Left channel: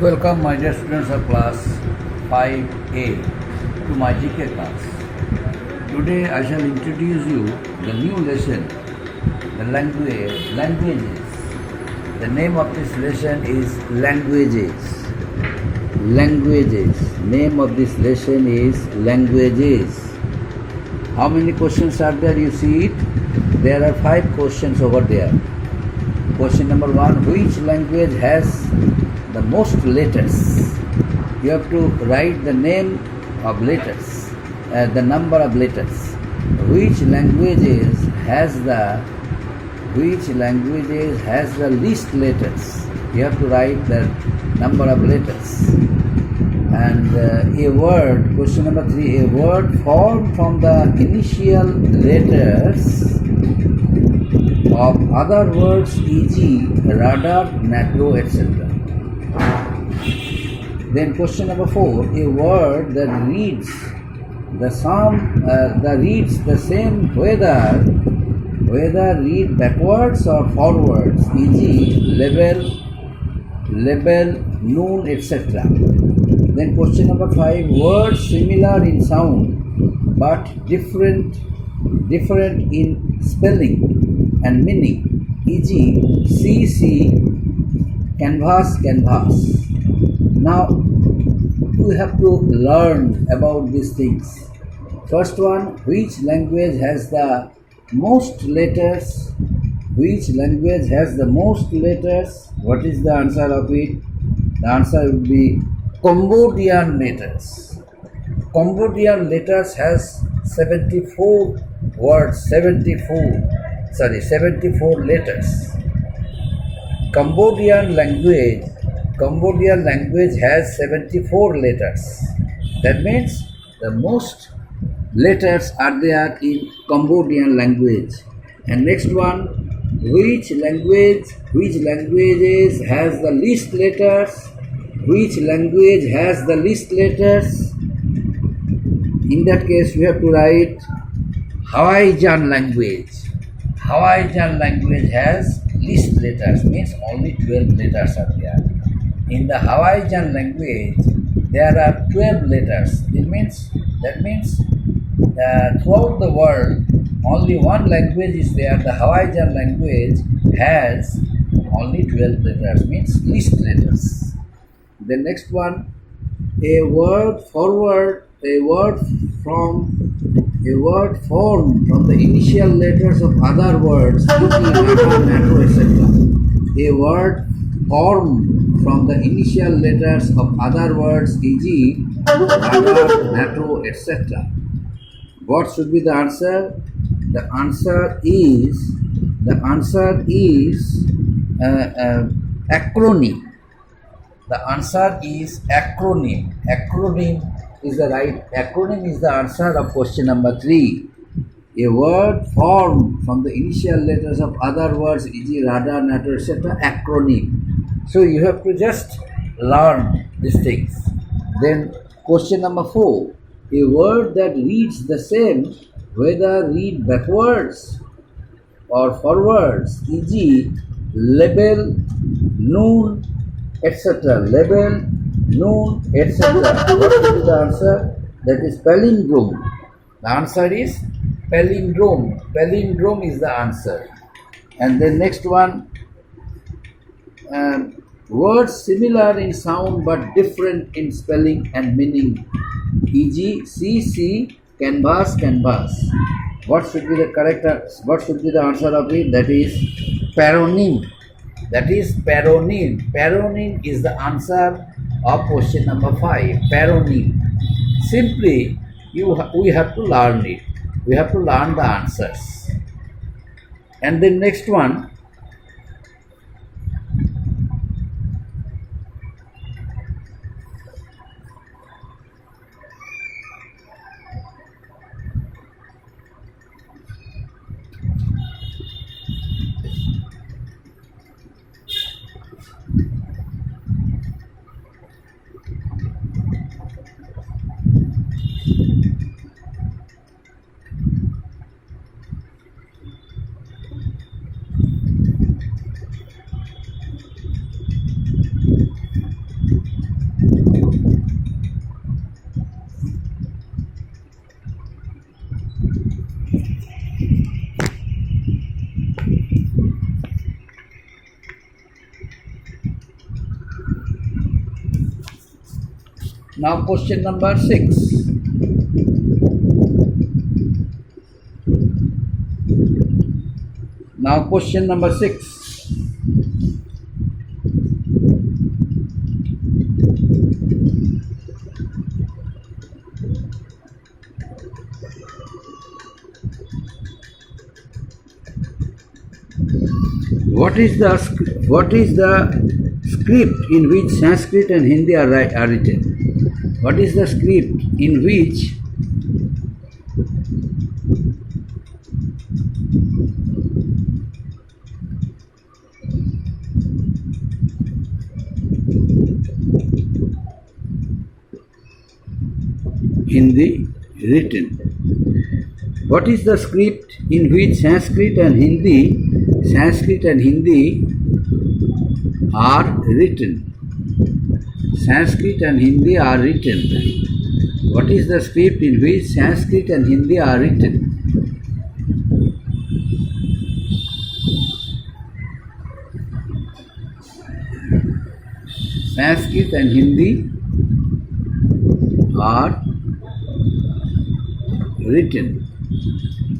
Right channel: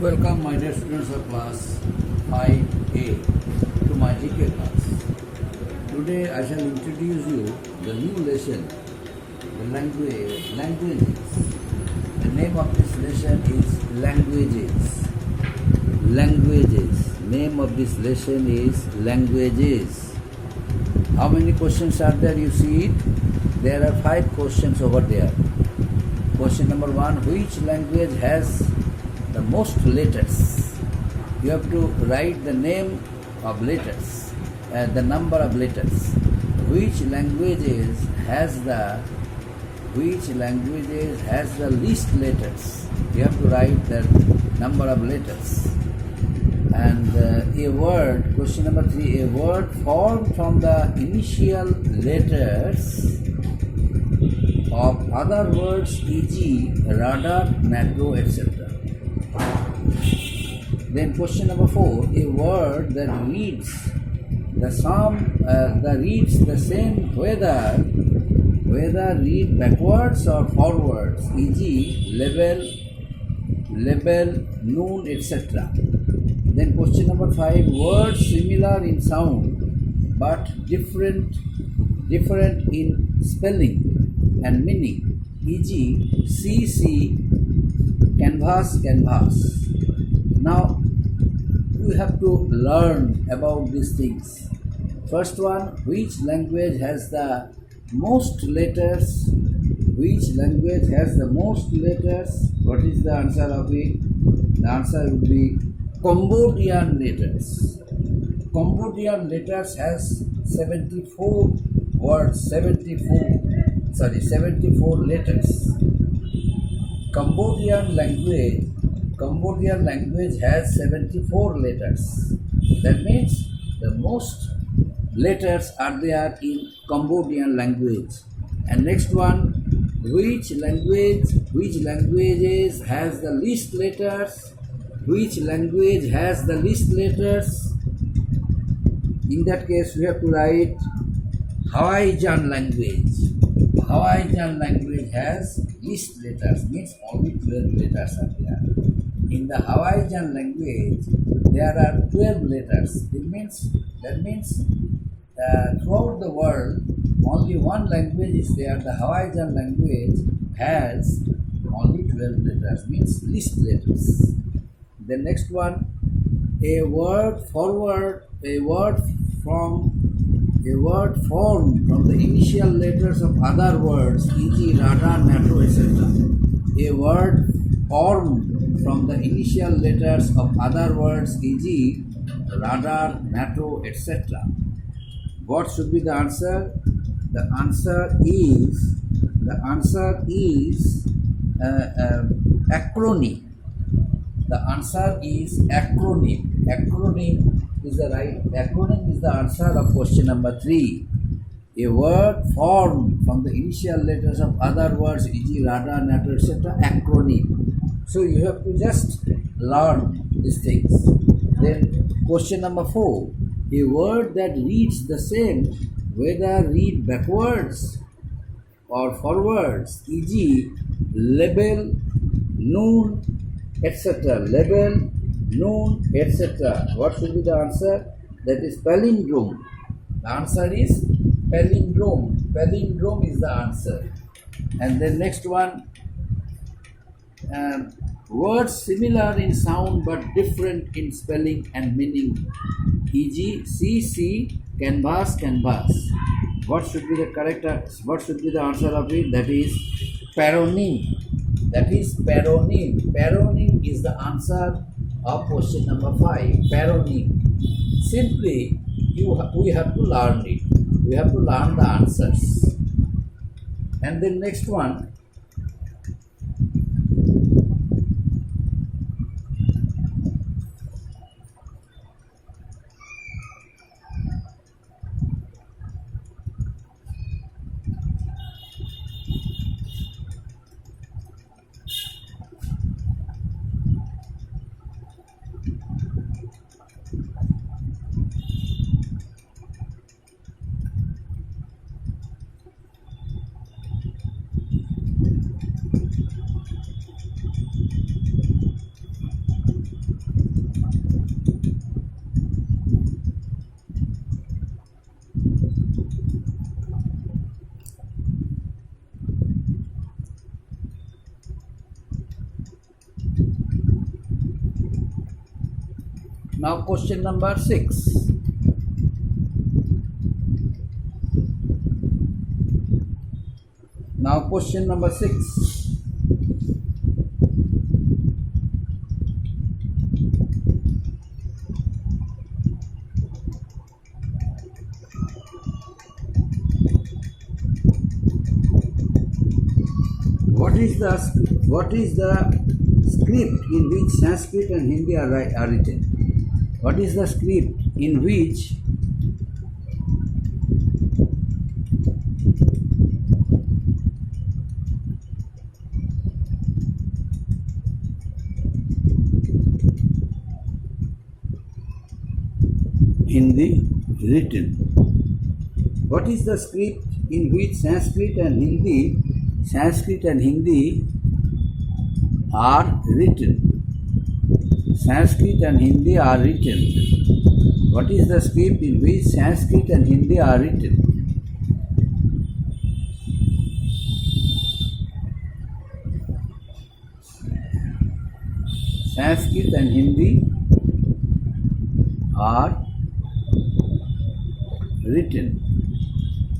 Welcome my dear students of class 5A to my GK class. Today I shall introduce you the new lesson, the languages. The name of this lesson is languages. Languages. Name of this lesson is languages. How many questions are there? You see it? There are 5 questions over there. Question number 1, which language has the most letters? You have to write the name of letters, the number of letters. Which languages has the least letters? You have to write the number of letters. And a word, question number 3, a word formed from the initial letters of other words, e.g., radar, NATO, etc. Then question number 4, a word that reads the same whether read backwards or forwards, e.g., label, noon, etc. Then question number 5, words similar in sound but different in spelling and meaning, e.g., see, canvas. Now we have to learn about these things. First one, which language has the most letters? Which language has the most letters? What is the answer of it? The answer would be Cambodian letters. Cambodian letters has 74 letters. Cambodian language has 74 letters. That means the most letters are there in Cambodian language. And next one, which languages has the least letters? Which language has the least letters? In that case, we have to write Hawaiian language. Hawaiian language has least letters, means only 12 letters are there. In the Hawaiian language, there are 12 letters. That means throughout the world, only one language is there. The Hawaiian language has only 12 letters, means least letters. The next one, a word formed from the initial letters of other words, e.g., radar, NATO, etc. A word formed from the initial letters of other words, e.g., radar, NATO, etc. What should be the answer? The answer is acronym. The answer is acronym. Acronym is the answer of question number 3. A word formed from the initial letters of other words, e.g., radar, NATO, etc. Acronym. So you have to just learn these things. Then question number 4. A word that reads the same whether read backwards or forwards, e.g., label, noon, etc. Label, noon, etc. What will be the answer? That is palindrome. The answer is palindrome. Palindrome is the answer. And then next one, words similar in sound but different in spelling and meaning, e.g., see, canvas. What should be the answer of it? That is paronym. Paronym is the answer of question number 5. Paronym. Simply, we have to learn it. We have to learn the answers. And then next one, Now question number 6. Now question number 6. What is the script in which Sanskrit and Hindi are written? What is the script in which Hindi written? What is the script in which Sanskrit and Hindi are written? Sanskrit and Hindi are written. What is the script in which Sanskrit and Hindi are written? Sanskrit and Hindi are written.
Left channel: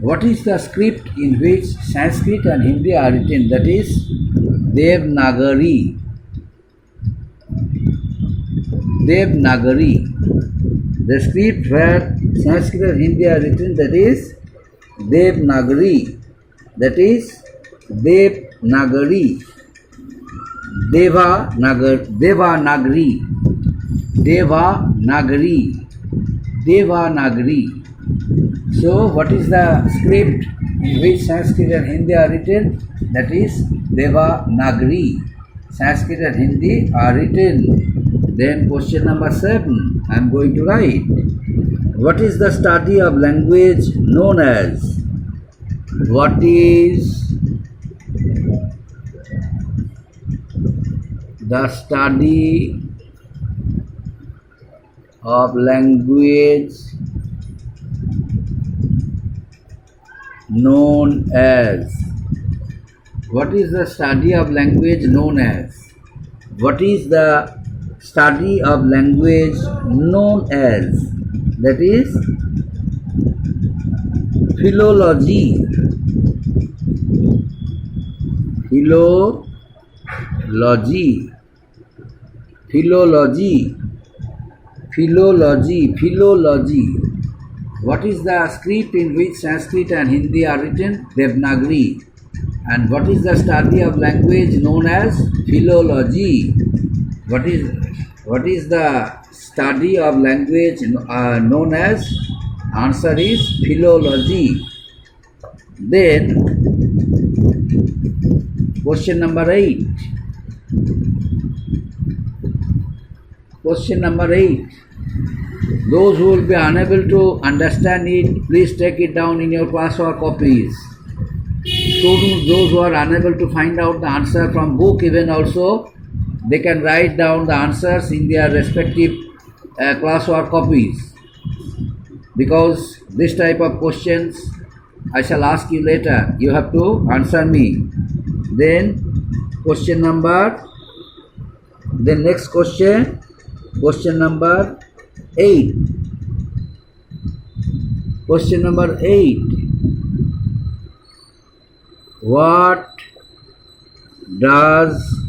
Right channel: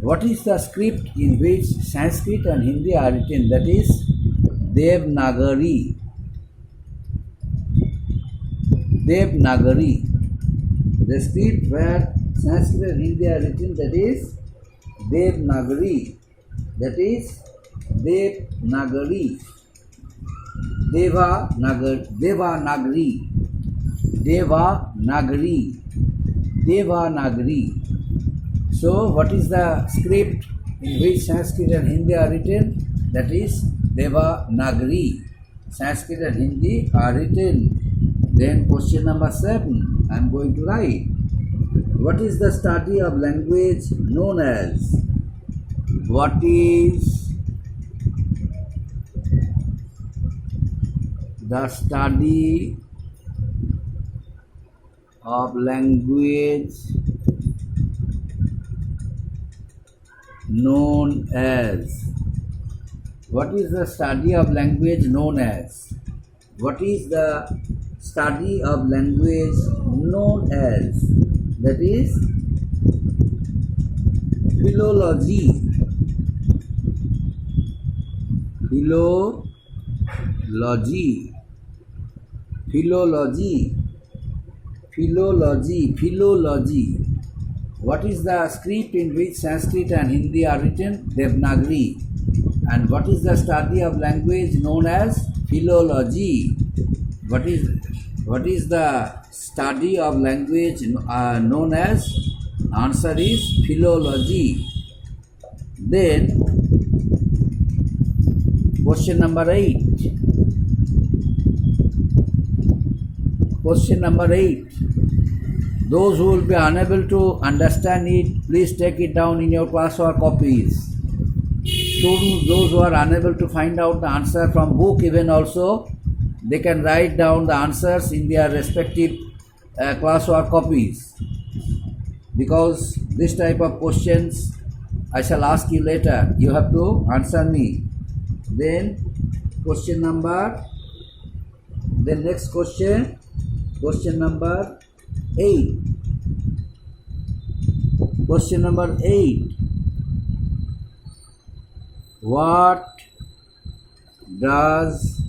What is the script in which Sanskrit and Hindi are written? That is Devanagari. Devanagari. The script where Sanskrit and Hindi are written, that is Devanagari. That is Devanagari. Devanagari. Devanagari. So, what is the script in which Sanskrit and Hindi are written? That is Devanagari. Sanskrit and Hindi are written. Then question number 7, I am going to write. What is the study of language known as? What is the study of language known as? What is the study of language known as? What is the study of language known as? That is philology. Philology. Philology. Philology. Philology. What is the script in which Sanskrit and Hindi are written? Devanagari. And what is the study of language known as? Philology. What is the study of language known as? Answer is philology. Then question number 8. Question number 8. Those who will be unable to understand it, please take it down in your classwork copies. Students, those who are unable to find out the answer from book even also, they can write down the answers in their respective classwork copies. Because this type of questions I shall ask you later. You have to answer me. Then next question number 8. Question number 8. What does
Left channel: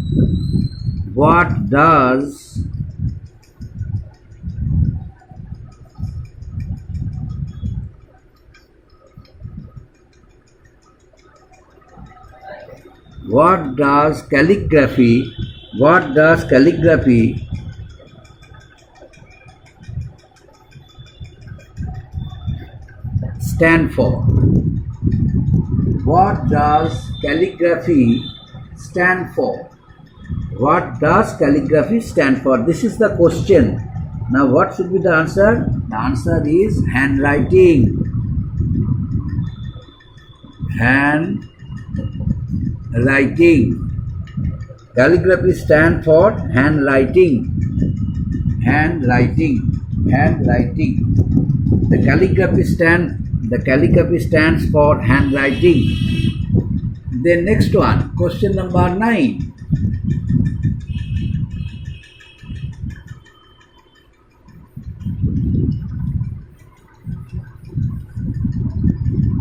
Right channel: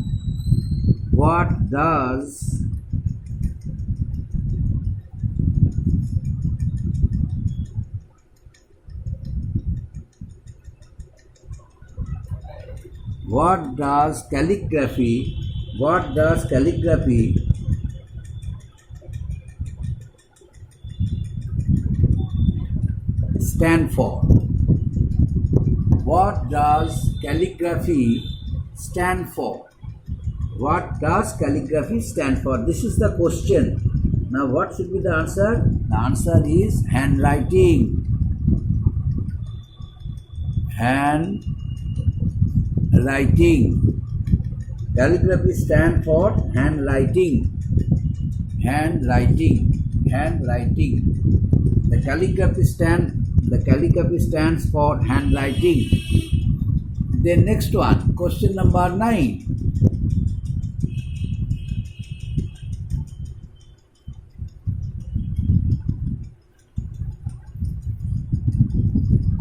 calligraphy stand for? What does calligraphy stand for? What does calligraphy stand for? This is the question. Now what should be the answer? The answer is handwriting. Handwriting. Calligraphy stand for handwriting. Handwriting. The calligraphy stands for handwriting. Then next one, question number 9.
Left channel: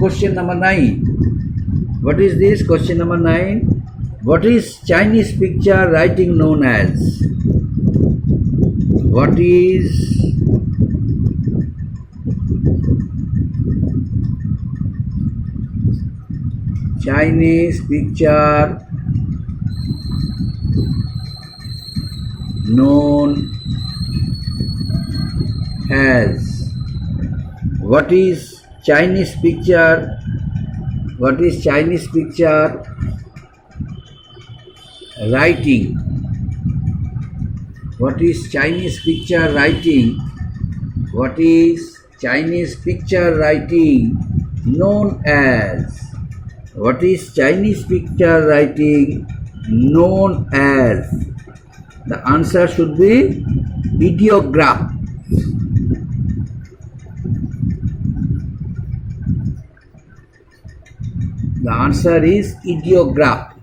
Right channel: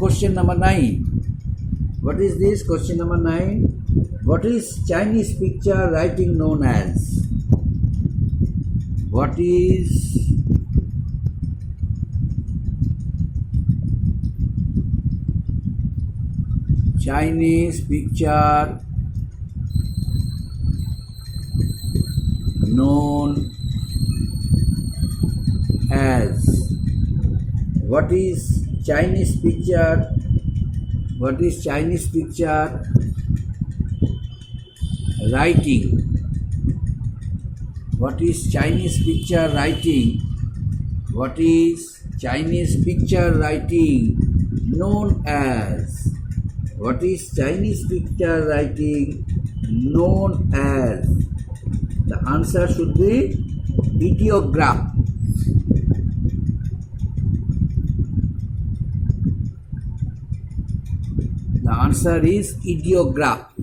question number 9. What is this? Question number 9. What is Chinese picture writing known as? What is Chinese picture known as? What is Chinese picture? What is Chinese picture writing? What is Chinese picture writing? What is Chinese picture writing known as? What is Chinese picture writing known as? The answer should be ideograph. The answer is ideograph.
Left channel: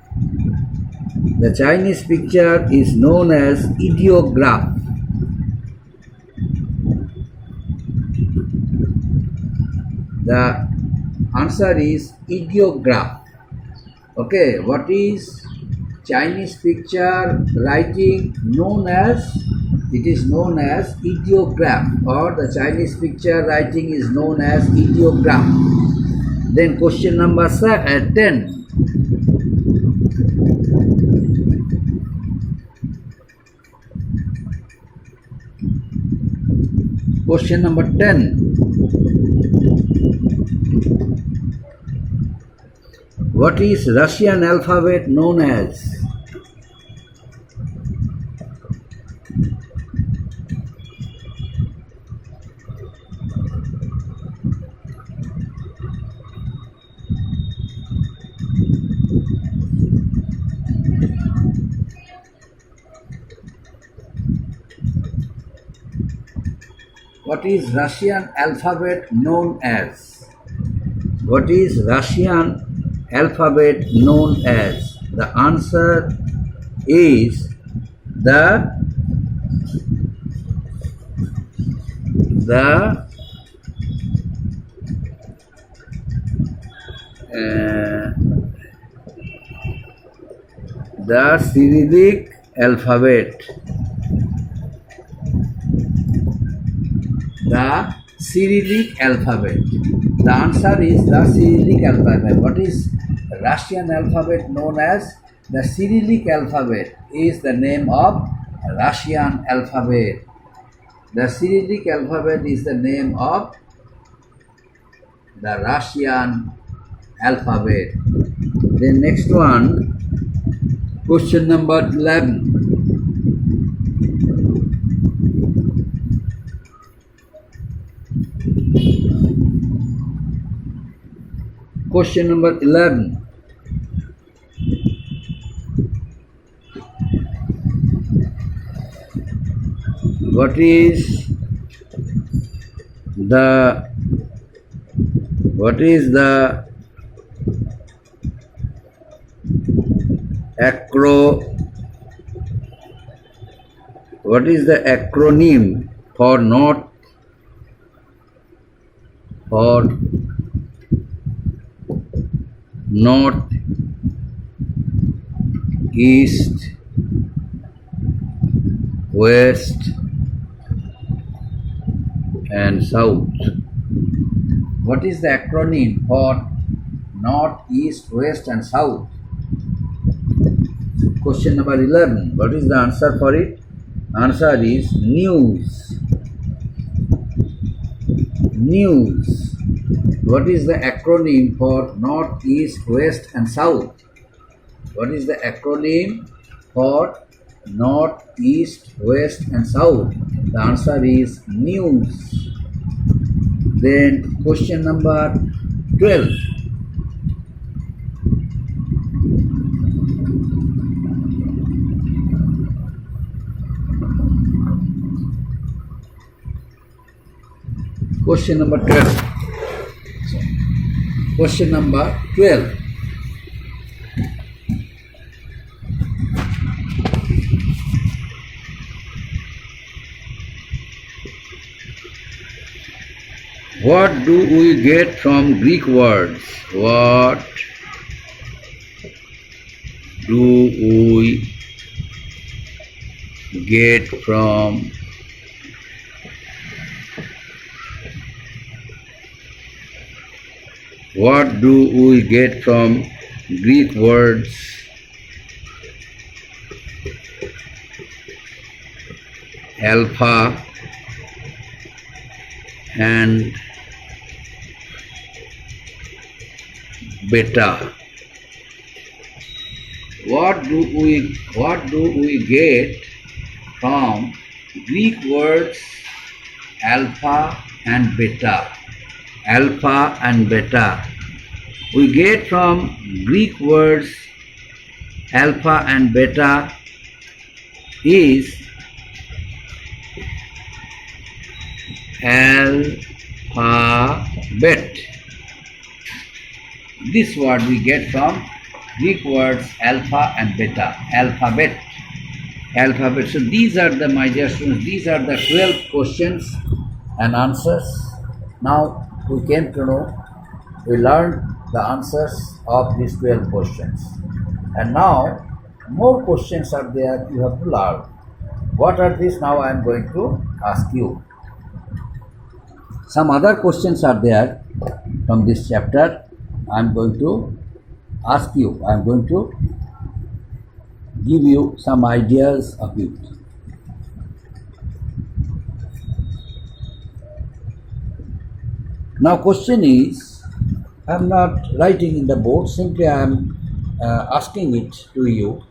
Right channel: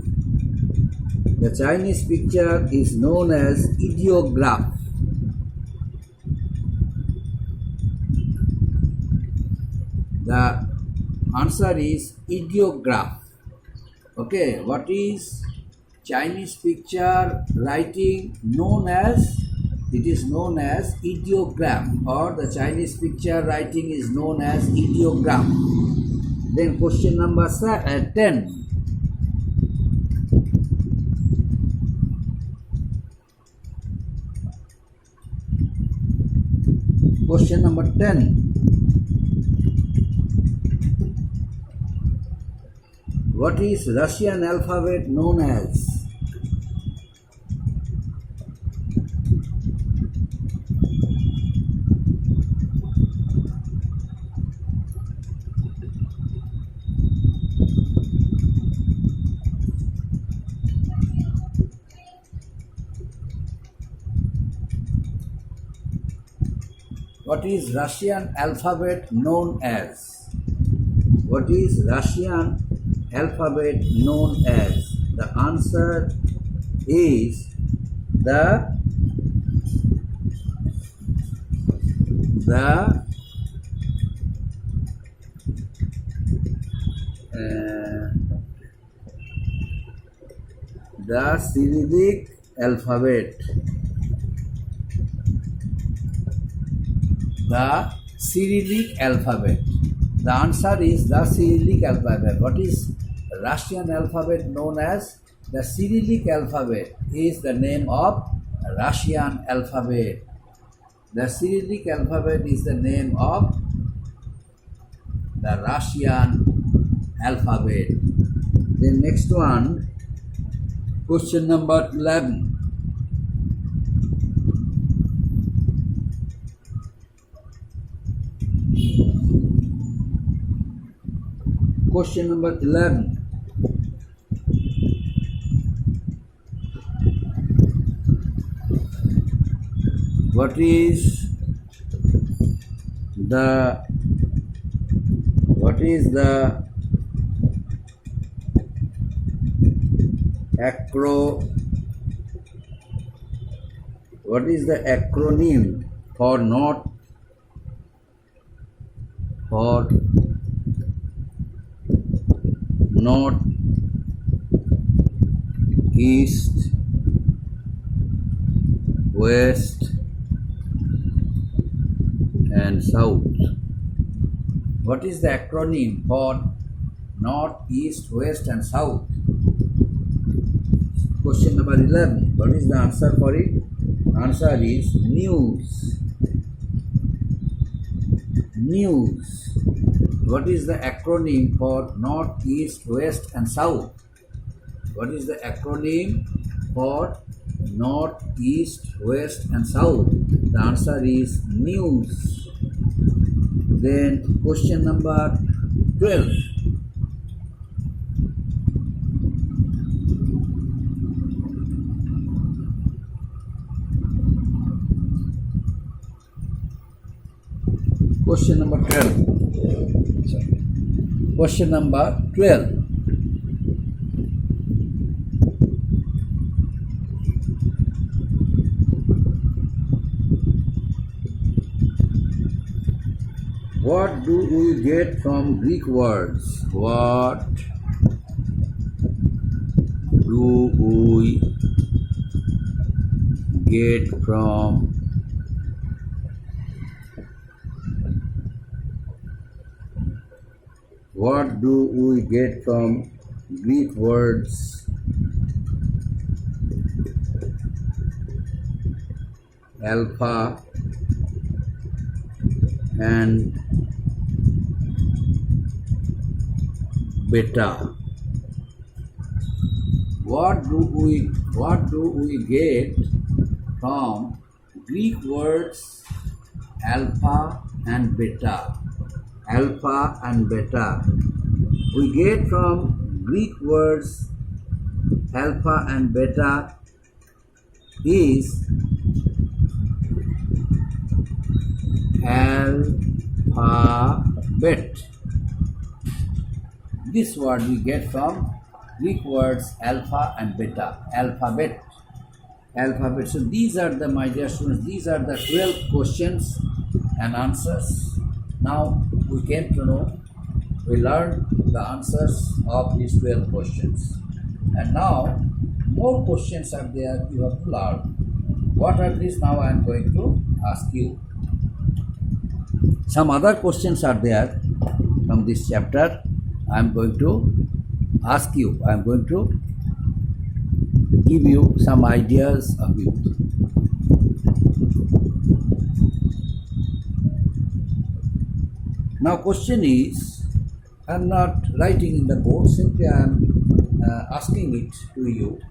The Chinese picture is known as ideograph. The answer is ideograph. Okay, what is Chinese picture writing known as? It is known as ideograph, or the Chinese picture writing is known as ideograph. Then question number 10. Question number 10. What is Russian alphabet known as? What is Russian alphabet known as? What is Russian alphabet known as? The answer is the Cyrillic alphabet. The Cyrillic alphabet. The answer is the Cyrillic alphabet. What is Russian alphabet known as? The Cyrillic alphabet is the name of Russian alphabet. The Cyrillic alphabet is the name of the Russian alphabet. Then next one, question number 11. Question number 11. What is the acronym for North, East, West and South? What is the acronym for North, East, West and South? Question number 11. What is the answer for it? Answer is news. News. What is the acronym for North, East, West and South? What is the acronym for North, East, West and South? The answer is news. Then question number 12. Question number 12. Question number 12. What do we get from Greek words? What do we get from Greek words alpha and beta? What do we get from Greek words alpha and beta? Alpha and beta. We get from Greek words alpha and beta is alphabet. This word we get from Greek words alpha and beta. Alphabet. Alphabet. So these are the, my dear students, these are the 12 questions and answers. Now we came to know, we learned the answers of these 12 questions. And now more questions are there you have to learn. What are these? Now I am going to ask you. Some other questions are there from this chapter. I am going to ask you. I am going to give you some ideas of it. Now question is, I am not writing in the board, simply I am asking it to you,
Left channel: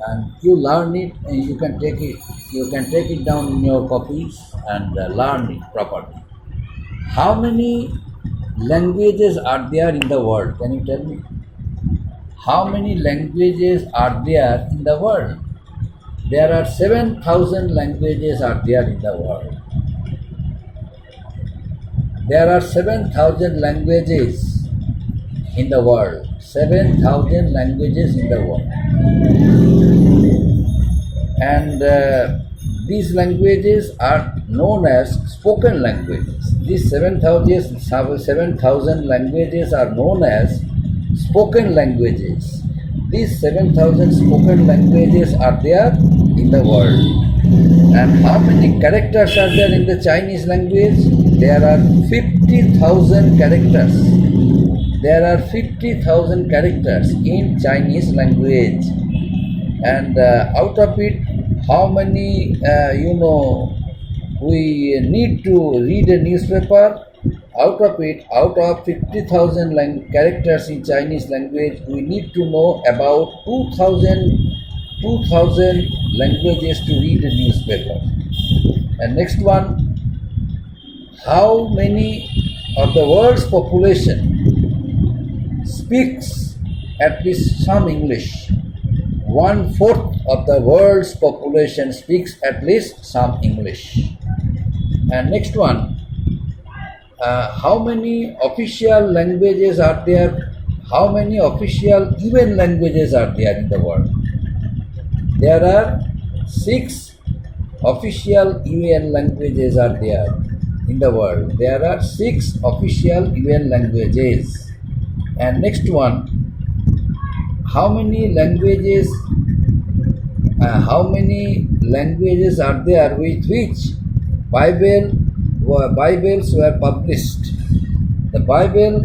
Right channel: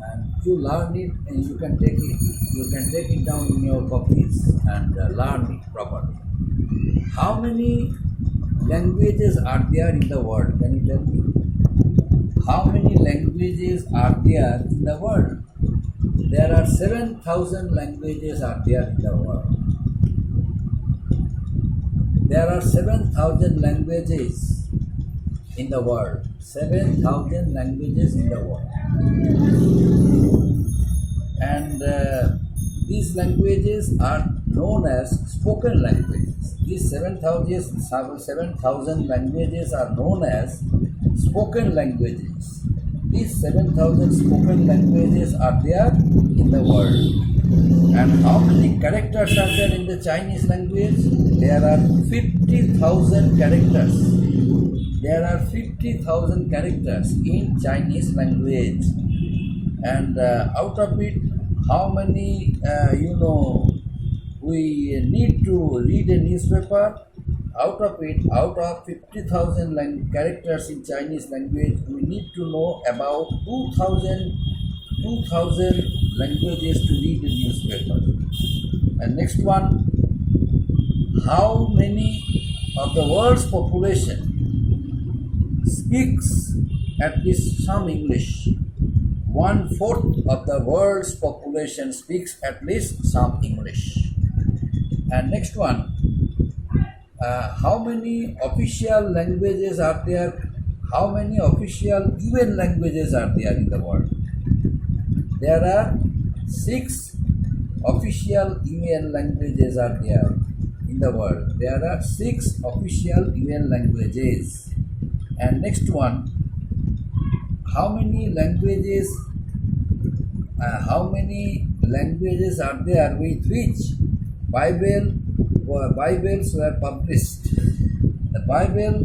and you learn it, and you can take it down in your copies and learn it properly. How many languages are there in the world? Can you tell me? How many languages are there in the world? There are 7,000 languages are there in the world. There are 7,000 languages in the world. 7,000 languages in the world. And these languages are known as spoken languages. These 7,000 languages are known as spoken languages. These 7,000 spoken languages are there in the world. And how many characters are there in the Chinese language? There are 50,000 characters. There are 50,000 characters in Chinese language. And out of it, how many, we need to read a newspaper? Out of 50,000 characters in Chinese language, we need to know about 2,000 languages to read a newspaper. And next one, how many of the world's population speaks at least some English? 1/4 of the world's population speaks at least some English. And next one, how many official languages are there? How many official UN languages are there in the world? There are 6 official UN languages are there in the world. There are 6 official UN languages. And next one, how many languages are there with which Bibles were published? The Bible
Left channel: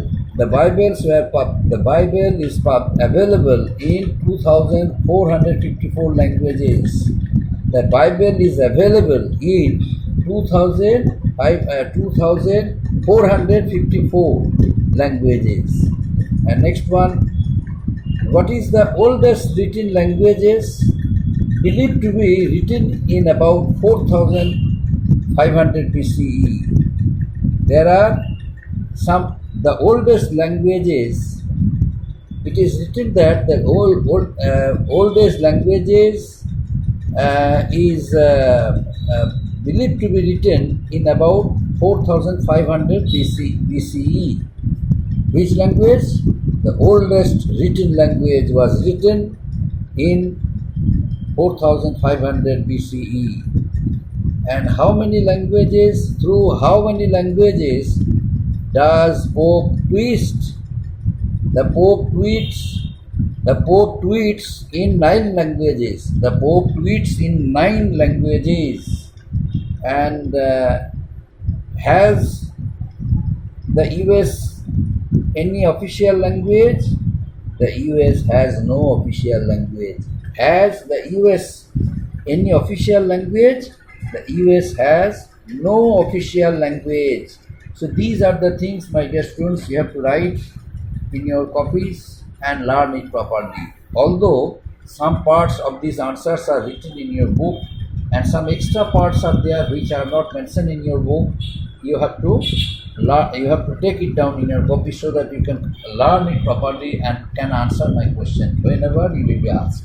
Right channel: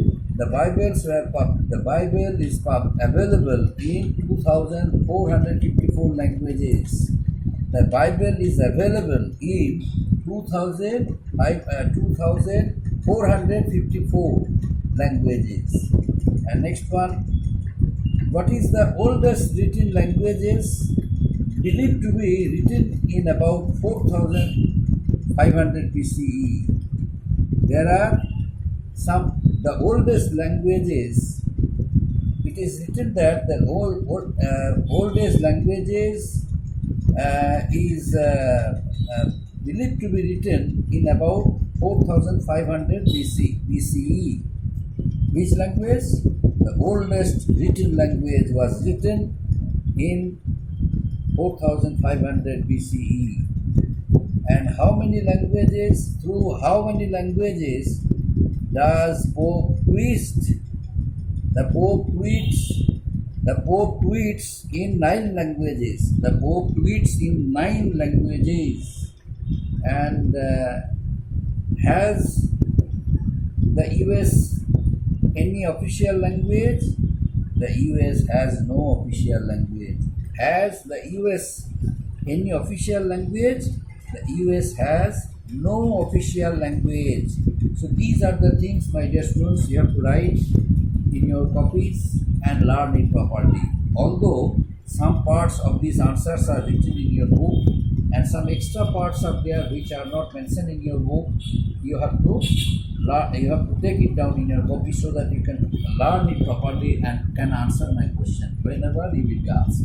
is available in 2,454 languages. The Bible is available in 2,454 languages. And next one, what is the oldest written languages? Believed to be written in about 4,500 BCE. There are the oldest languages. It is written that the oldest languages is believed to be written in about 4,500 BCE. Which language? The oldest written language was written in 4,500 BCE. And how many languages? Through how many languages does Pope twist? The Pope tweets. The Pope tweets in 9 languages. The Pope tweets in 9 languages. And has the US any official language? The US has no official language. Has the US any official language? The US has no official language. So these are the things, my dear students, you have to write in your copies and learn it properly. Although some parts of these answers are written in your book and some extra parts are there which are not mentioned in your book, you have to take it down in your copy so that you can learn it properly and can answer my question whenever you will be asked.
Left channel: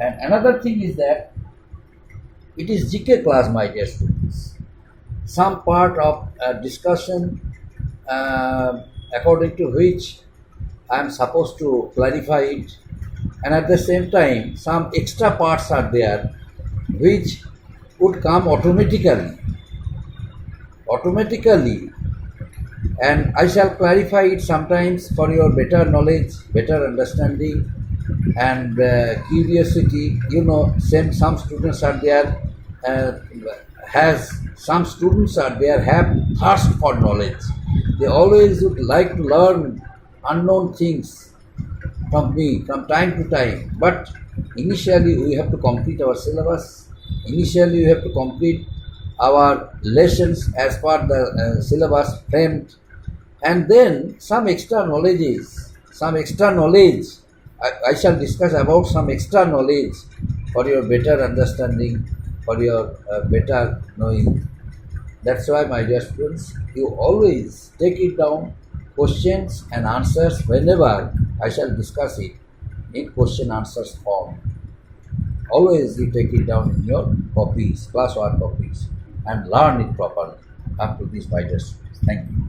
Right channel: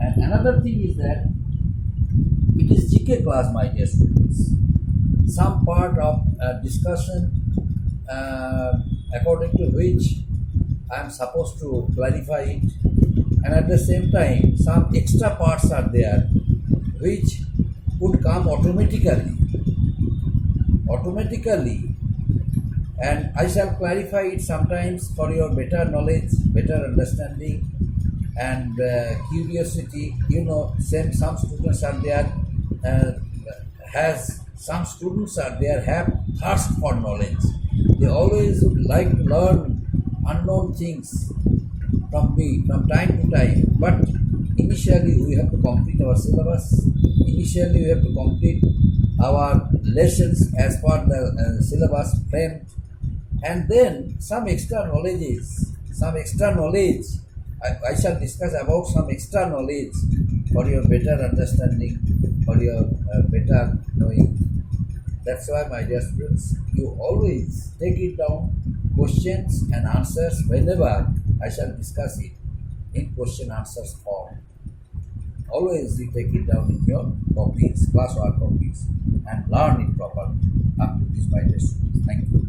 And another thing is that it is GK class, my dear students. Some part of discussion according to which I am supposed to clarify it, and at the same time some extra parts are there which would come automatically, and I shall clarify it sometimes for your better knowledge, better understanding, and curiosity. You know, some students are there have thirst for knowledge. They always would like to learn unknown things from me from time to time. But initially we have to complete our syllabus. Initially we have to complete our lessons as per the syllabus framed, and then some extra knowledge. I shall discuss about some extra knowledge for your better understanding, for your better knowing. That's why, my dear students, you always take it down, questions and answers whenever I shall discuss it in question answers form. Always you take it down in your copies, class work copies, and learn it properly. Up to this, my dear students. Thank you.